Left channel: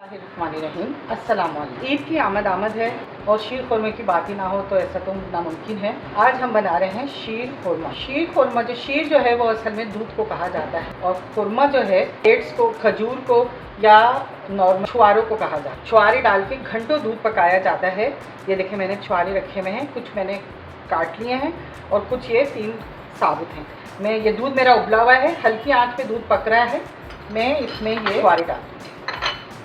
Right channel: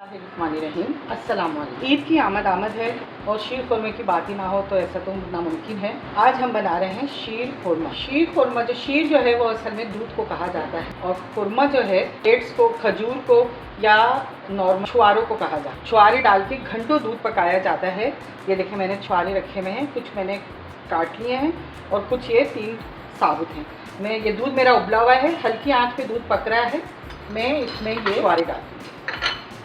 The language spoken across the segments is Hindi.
रहीम अस्सलाम वालेकुम। ईद की आमद है और शीर खुरमा की बात ही ना हो तो ऐसा तो नामुमकिन है। आज हम बना रहे हैं शीर खुरमा। शीर खुरमा जो है वो असल में दूध को कहा जाता है और खुरमा जो है डेट्स को, खजूर को या नॉर्मल छुआरों को कहा जाता है। छुआरे डाल के घंटों दूध पकाया जाता है। ये देखें मैंने छुआरे रखे हुए हैं, कुछ मैंने काट लिए हैं और कुछ ये 3 साबुत हैं। मैं ये दूध मेरा उबला हुआ है, हल्की आंच पे दूध पक रहा है। मैं इसमें ये छुआरे डालती हूँ।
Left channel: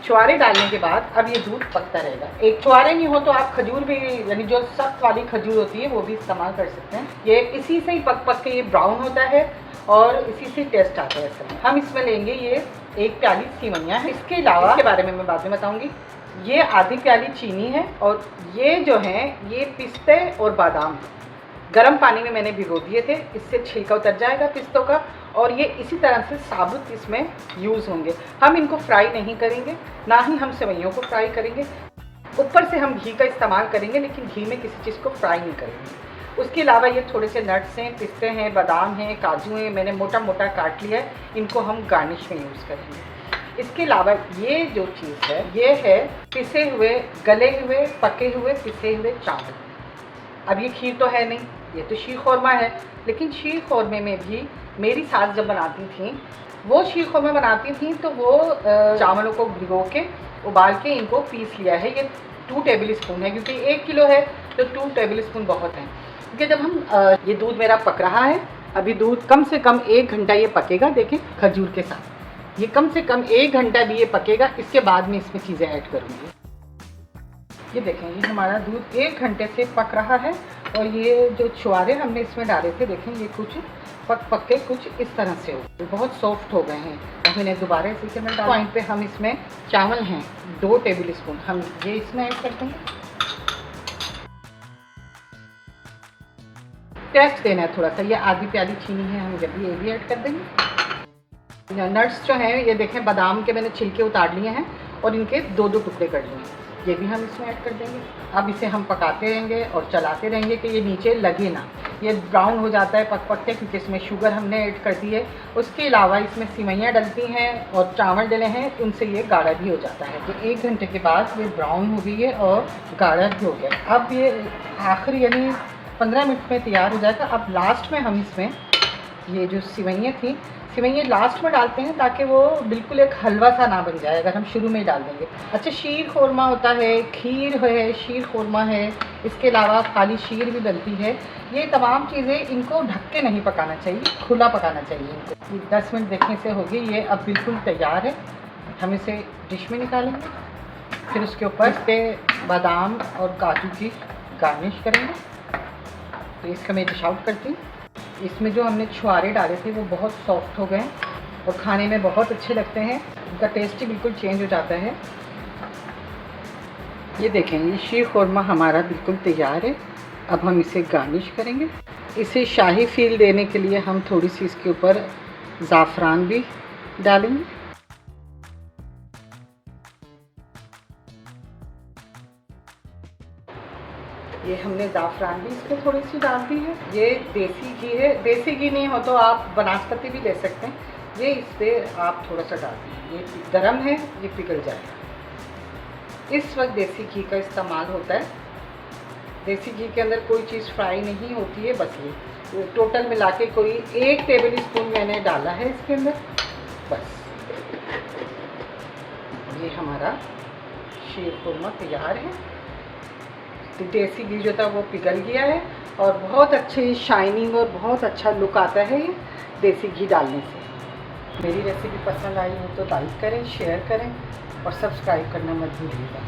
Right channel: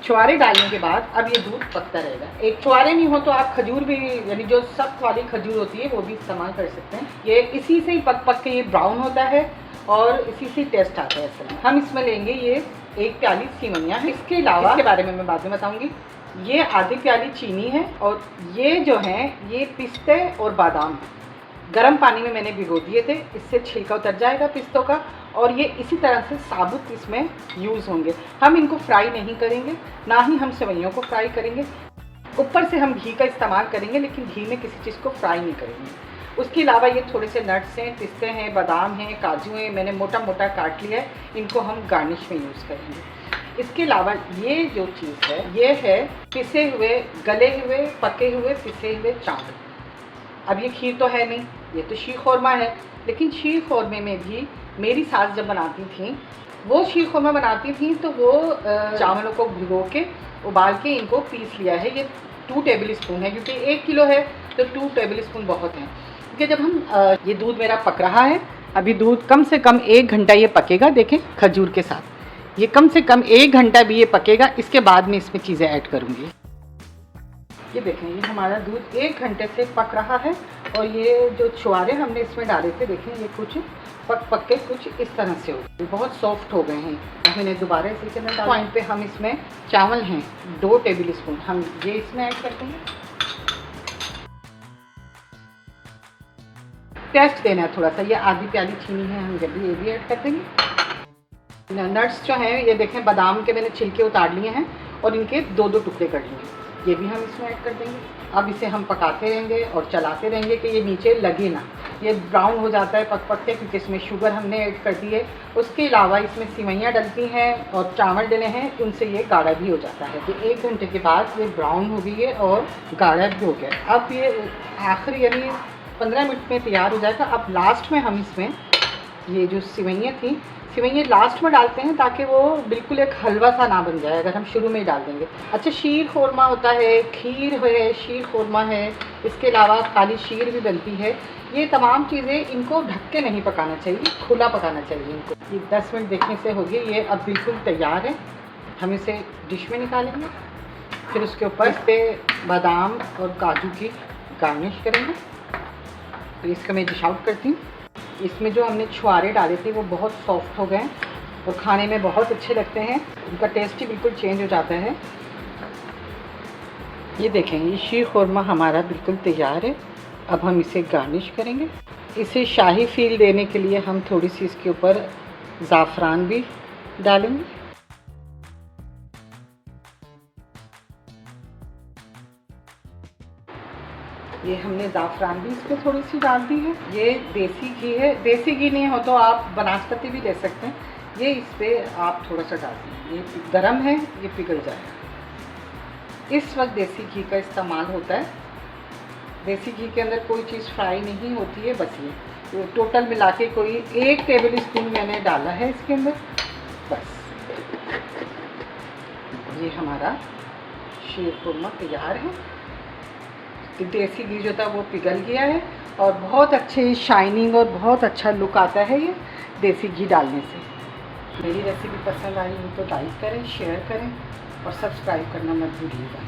छुआरे डालने के बाद अब ये दूध पकता रहेगा। एक छुआरे नहीं हो तो आप खजूर भी, यानी जो सख्त वाली खजूर होती है वो भी इस्तेमाल कर सकते हैं। ये इसी से ही पक पक के ये ब्राउन होता है और इसी से टेस्ट आता है। असल में हम इसमें लेंगे ये 1 प्याली सेवइयाँ है। इसके अलावा इसके बारे में मैं बाद में बताऊँगी। ये आधी प्याली चीनी है और ये जो है ये पिस्ते और बादाम गर्म पानी में मैंने भिगो दिए थे। इससे छिलका उतर जाएगा पिस्तों का और ये इसी तरह से साबुत इसमें यूज़ होंगे। हम इनको फ्राई नहीं करेंगे, ना ही हम सेवइयों को फ्राई करेंगे। ऊपर से हम घी का इस्तेमाल करेंगे लेकिन घी में किसी चीज़ को फ्राई नहीं करेंगे। उसके अलावा ये थोड़े से नट्स हैं, पिस्ते हैं, बादाम हैं, काजू हैं, मैंने मोटा मोटा काट लिया है। इनको हम गार्निश में यूज़ करेंगे। इसके अलावा ये जो चीज़ है ये है पिसे हुए, गले हुए, पके हुए, पिसे हुए चावल। अब ये खीर तो है नहीं, ये तो शीर खुरमा है। लेकिन शीर खुरमे में भी मेरी सास जब बनाती थी, वो शीर खुरमा बनाती थी तो वो चावलों को भिगो के उबाल के इनको पीस लिया है। ये 2 टेबल स्पून है, क्योंकि 1 किलो है तो 2 टेबल स्पून बहुत हैं। क्योंकि जब हम ये दूध मेरा पक रहा है, अभी दूध कम से कम 1 घंटा ये पकेगा। देखें खजूर के साथ ये कम से कम 1 घंटा भी ये पकेगा। इसके बाद में इसमें चीज़ें ऐड करूँगी। ये देखें ये हमारा दूध 1 घंटे से पक रहा है और ये जो छुआरे हमने इसमें डाले थे, देखें ये कुछ पक के कुछ इस तरह से हो गए, बहुत सॉफ्ट हो गए हैं। अब इन्हें दोबारा इसी के अंदर पॉइंट पे हम इसमें चावल हैं 2 टेबल स्पून हम ये इसमें ऐड कर देंगे। टेस्ट देना है थोड़ा सा। ये आधी प्याली चीनी है, हम जब ये भी ऐड कर देंगे। नट्स जो हैं ये देखें बादाम के मैंने छिलके उतार लिए हैं और इनके 2-2 टुकड़े कर लिए हैं, ये भी हम इसमें ऐड कर देंगे। अब इसे हम पकाते रहेंगे और चलाते रहेंगे कि ये नीचे लगे ना। ये ब्राउन हो जाता है पक पक के, क्योंकि इसमें शुगर हमने ऐड कर दी है। उसके अलावा इसमें सेवइयाँ डलती हैं और चावल डले हैं, उनसे ये गाढ़ा भी हो जाता है। तो 1 घंटे के बाद ये ब्राउन हो गई है और गाढ़ा भी हो गया। अब ये आखिर यानी 15 मिनट में तैयार हो जाएगा। अब लास्ट में हम इसमें ये जो सेवइयाँ थी, सेवइयाँ लास्ट में डालते हैं ताकि वो बिल्कुल एक हलवा सा ना बन जाए अगर हम शुरू में ही डाल देंगे। अच्छा, शीर खुरमा होता है, खीर है, शीर खुरमा है, इसके अलावा खाली शीर भी बनती है। ये तमाम चीज़ें इनको ढक के नहीं पकाना चाहिए, खुला पकाना चाहिए इनको। ये 10 मिनट देखने से हो गई, ये अब बिल्कुल तैयार है। हम इसे डिश में निकालेंगे, फिर उसके ऊपर पे बादाम और काजू की गार्निश करेंगे। तो इसका मैं डिश आउट करती हूँ। इसमें जो हमने छुआरे डाले थे वो बहुत सॉफ्ट हो गए और खाने में बहुत अच्छे लगते हैं। उनका टेस्ट ही बिल्कुल चेंज हो जाता है। ये देखें ये शीर खुरमा हमारा बिल्कुल तैयार है। अब हम इसे गार्निश करेंगे। इसे शाही फील देने के लिए हम थोड़ी सी इसके ऊपर ज़ाफ़रान भी डालेंगे। ये हमने ज़ाफ़रान भी इसमें थोड़ी सी डाल दी है। ये देसी घी है, देसी घी नहीं हो तो आप बनास्पति भी ले सकते हैं। ये इस पर आप थोड़ा सा डाल दीजिए। ये गरम है, ये पिघल जाएगा। इस वक्त देसी घी का इस्तेमाल होता है। देसी घी के अंदर कोई चीज़ फ्राई नहीं होती है, बस ये टोटल मिला के कोई 1 टेबल स्पून मैंने डाला है इसके अंदर, बस। ये हमारा शीर खुरमा तैयार है। तो देसी घी जो था वो पिघल गया है और बहुत अच्छे शाइनिंग और बहुत अच्छा लुक आता है ये देसी घी डालने से। मेरी रेसिपी पसंद आई हो तो लाइक करें, शेयर करें और सब्सक्राइब करना मत भूलिएगा।